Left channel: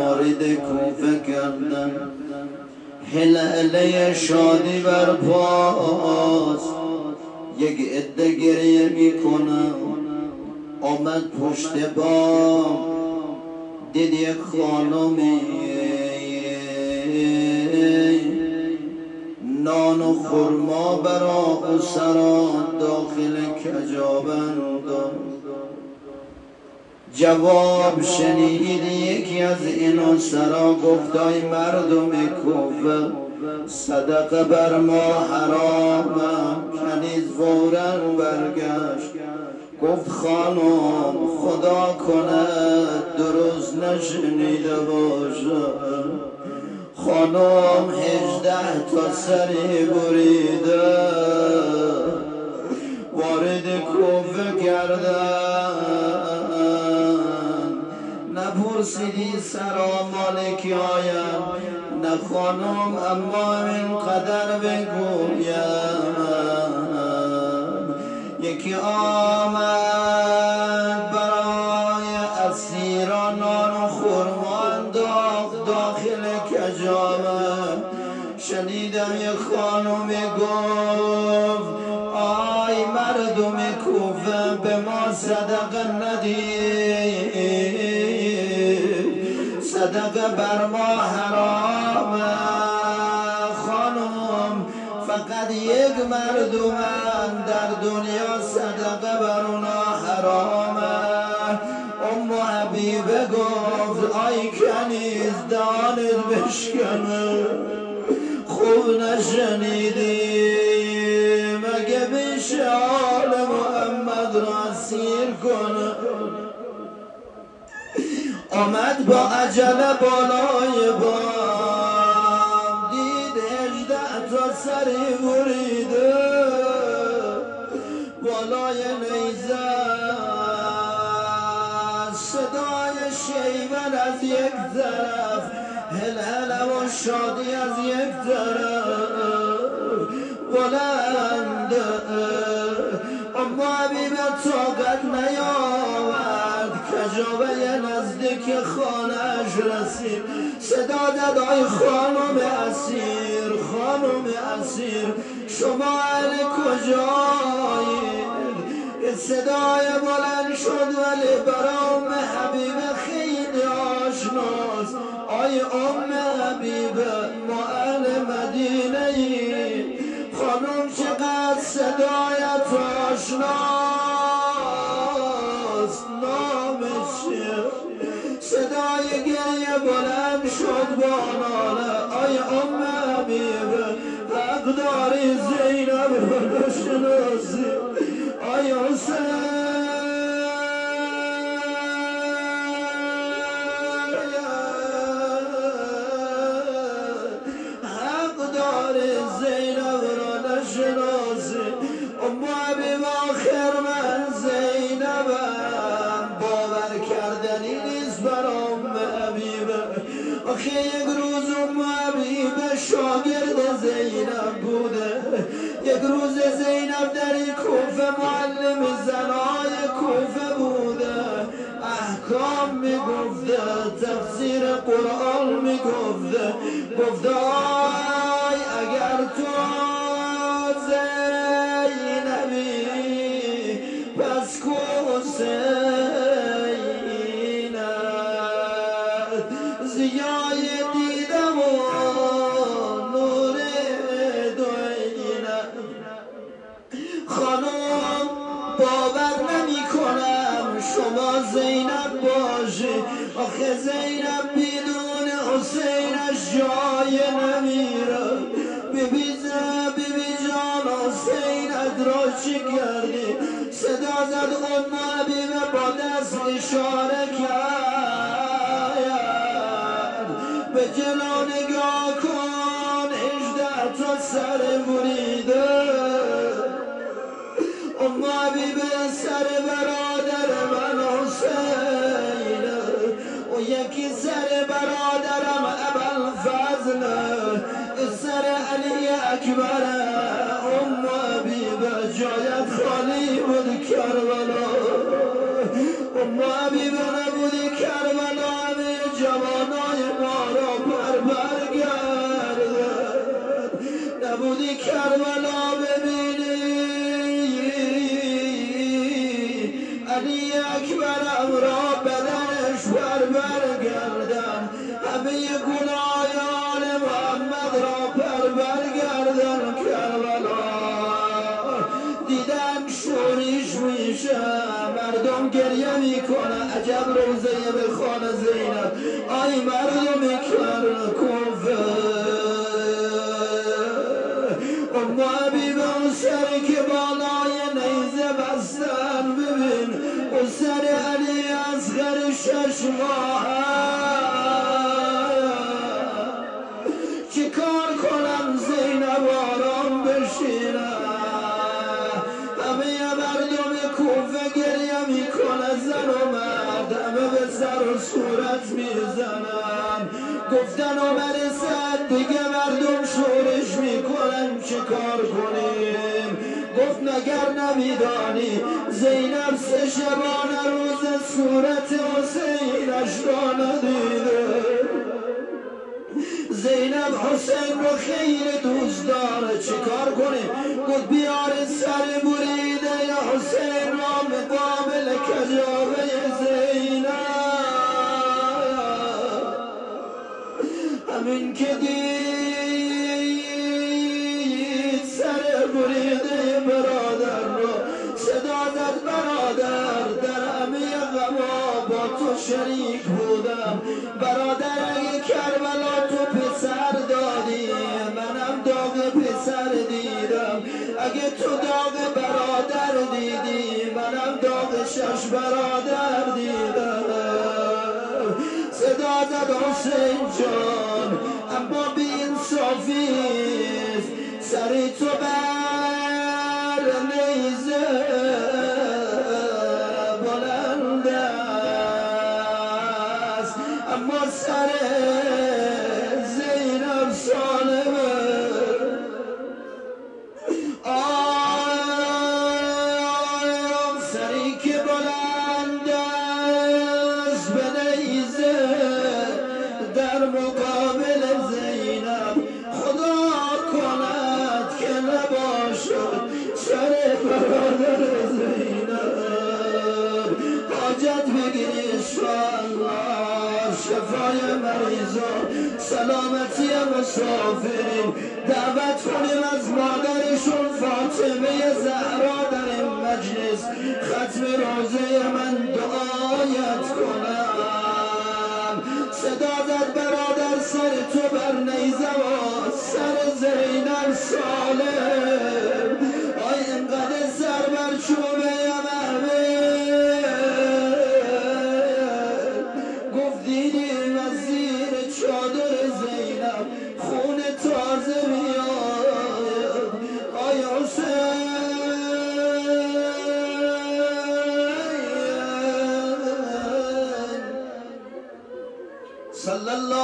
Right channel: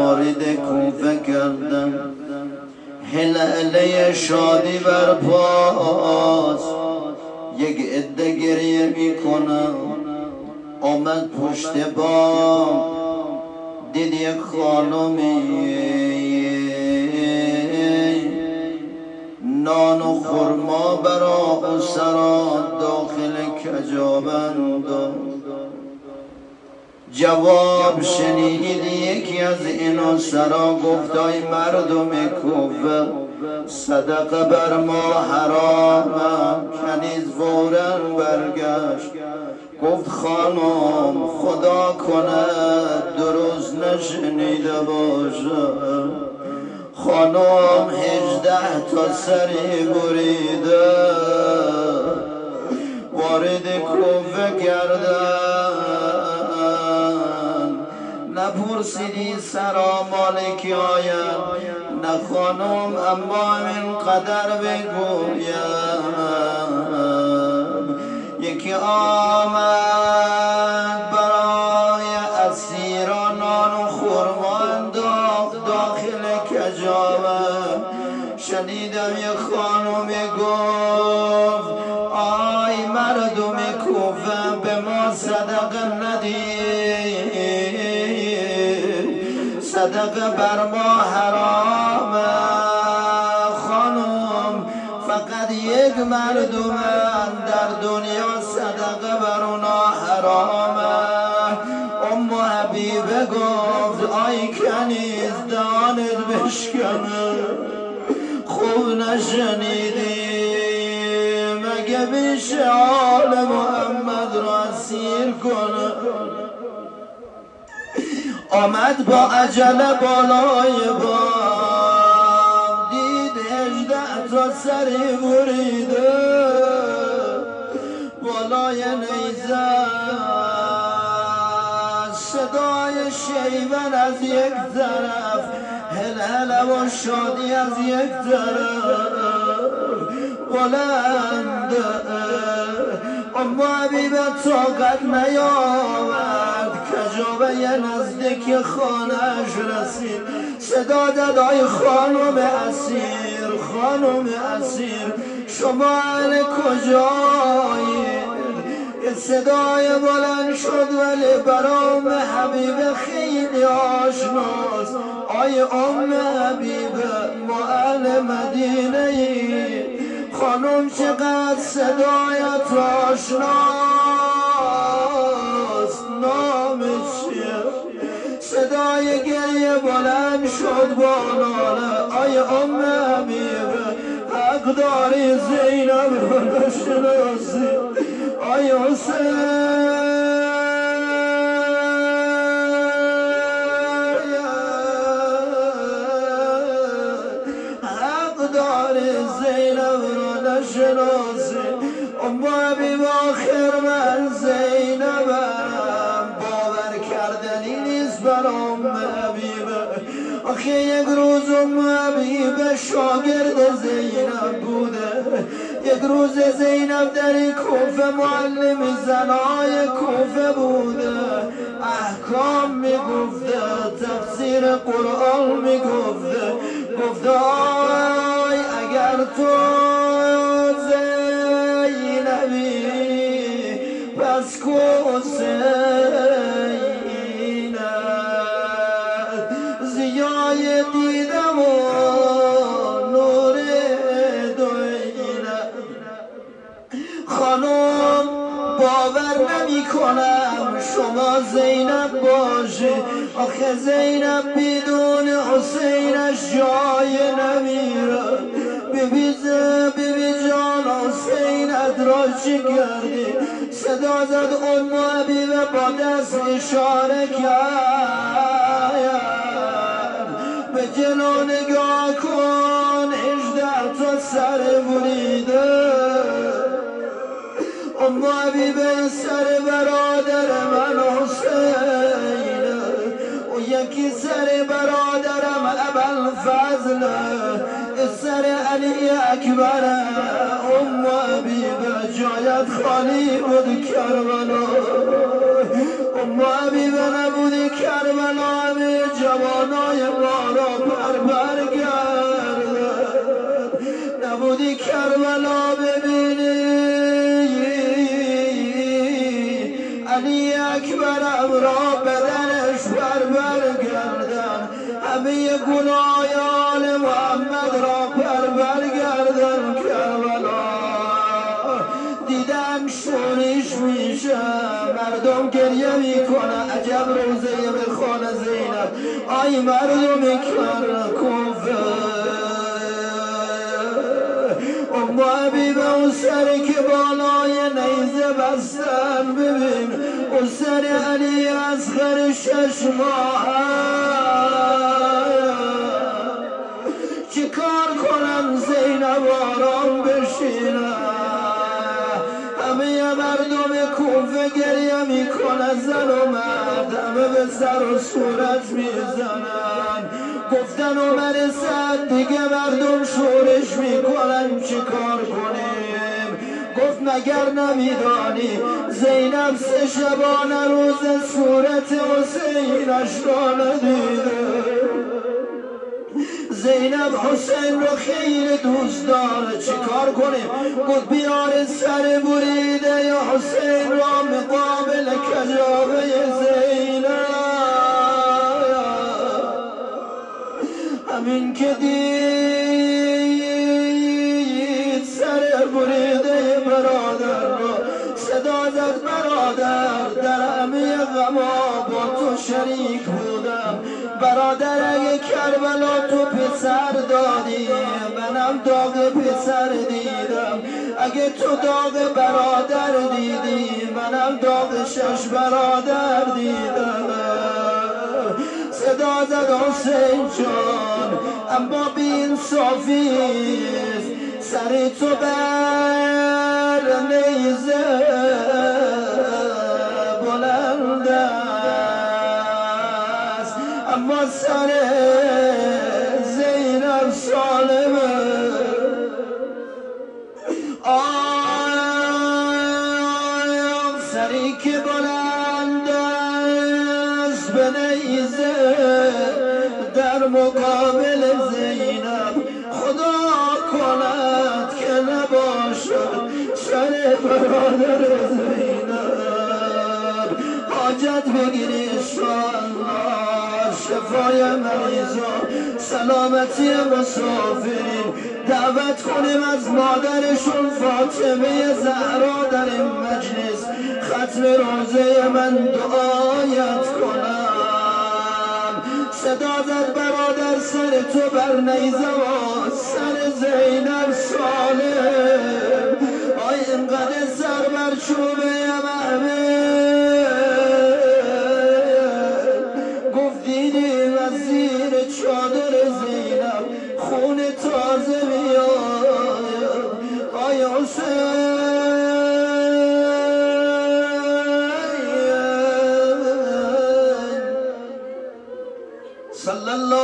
وارد کوفه کردن. هلاله شادی برپاست، یک عده گریه میکنن. آمد پشت بام، دید یک خانمی نان و خرما برا اسرا داخل کجاوند. جواب شنید یکی از این اسرا، گفت ای مردم کوفه، صدقه بر ما حرام. کنیز فوراً برگشت گفت خانم خدا کنه درست نشنیده باشه. خانم 18 تا سری بریده وارد کوفه کردن. نپرسیدی سلام علیکی آیم، نه خانم اما من قدر بگویم. یکی آمد برای اسیران نان و خرما انداخت داخل کجاوه. شنیدم یک خانمی گفت آی مردم کوفه به ما صدقه ندید، صدقه بر ما حرامه. خانم فقط یک مردمن در دنیا صدقه بر اونا حرامه. ام حبیبه گفت آی کنیز دهانت بشکنه، خوب نشنیدی مگه میشه آل محمد را اسیر کنه؟ آمد با عجله بالای بام، دید 18 تا سری بریده بالای نیزه. صدای شیون از یک طرف، هلهله و شادی از یک طرف بلند. اما حبیبه طاقت نیاورد، کجاوه نزدیک خانه‌اش رسید. صدا داد ای خانم اسیر، خانم اسیر شما اهل کجایید؟ صدای بلند شد ولی برام حبیبه خیلی آشناست. آی ام حبیبه ما اهل مدینه ایم. خانم چقدر صدایت آشناست، نامش چیه؟ صدای گریه بلند شد با ناله. آی ام حبیبه حق داری زینب رو نشناسی. آی حسین حق داری زینب رو نشناسی. ام حبیب آخر من زینبم، باور کردنی نیست بر ام حبیبه. آخه یک روز ام حبیبه شاگرد زینب بوده، یک روز زینب در این کوفه معلم زنهای کوفه بوده، احکام میگفته، تفسیر قرآن میگفته. گفته آی اگر تو زینبی پس کو حسینت زیای دیدم و نور دوینت. خانم باور نمی کنم شما زینب باشی. آخه زینب بدون حسینش جای نمیره. بیبی جان حسینت را چی کردی؟ صدا زد ام حبیبه با دست اشاره کرد به جلو نگاه کن 18 تا سر بریده. ام حبیبه سر برادر من حسین، و یکی سر برادرم ابوالفضل، سر علی اکبر. ام حبیبه جایت خالی بود کربلا. ام حبیبه نبودی کربلا همه جوانای کربلا ببینی علی اکبرم را بدنش برگردن همه گناهان محمد را برگردن کربلا دیدم شوریش میشه مردم گریه میکنه عجب روزه به خانه زینب آی مردم کر کوفه اما حبیب اون سری که بالای نیزه بستن ببین اون سر علی اصغر 6 ماه چی کار کنم زینب آرام بشینه همه مردم کوفه گریه میکنه زن و مرد همه به سر و صورت میزنن گفتن عمر سعد دیگه مردم شورش میکنن چی کار کنیم گفت مگر نمیدانی زینب 3 شبانه روز صورت حسینش را ندیده زینب حسین رو خیلی دوست داره چی کار کنیم گفت بیار سر بریده یا حسین را مقابل کجاوه زینب همین که دید سر بریده برادر رو صدا زد برادر در همه غما با تو شریک بودم برادر اگه کربلا تو پسر دادی منم داغ پسر دیدم اگه تو داغ برادر دیدی منم داغ 6 برادر دیدم صدا زد حسین جان اما بی انصافیست سری تو بر نیزه بلند است اما سر زینب سالمه سری که بلند است به نیزه در مقابل زینب خدا کند که نباشد سر برادر زینب حاجت بگیری انشاءالله شفای مریضا سلامتی مسافرین دعوت کنیم از مادرشون فاطمه زهرا در این مجلس ختم روزه من دعایت کنم صدا زد برادر سر تو بر نیزم سر زینب سالم آی اینقدر سر بر چوبه گفت دیدیم از زیر چادر زینب خون تازه میاد آی حسین صلی الله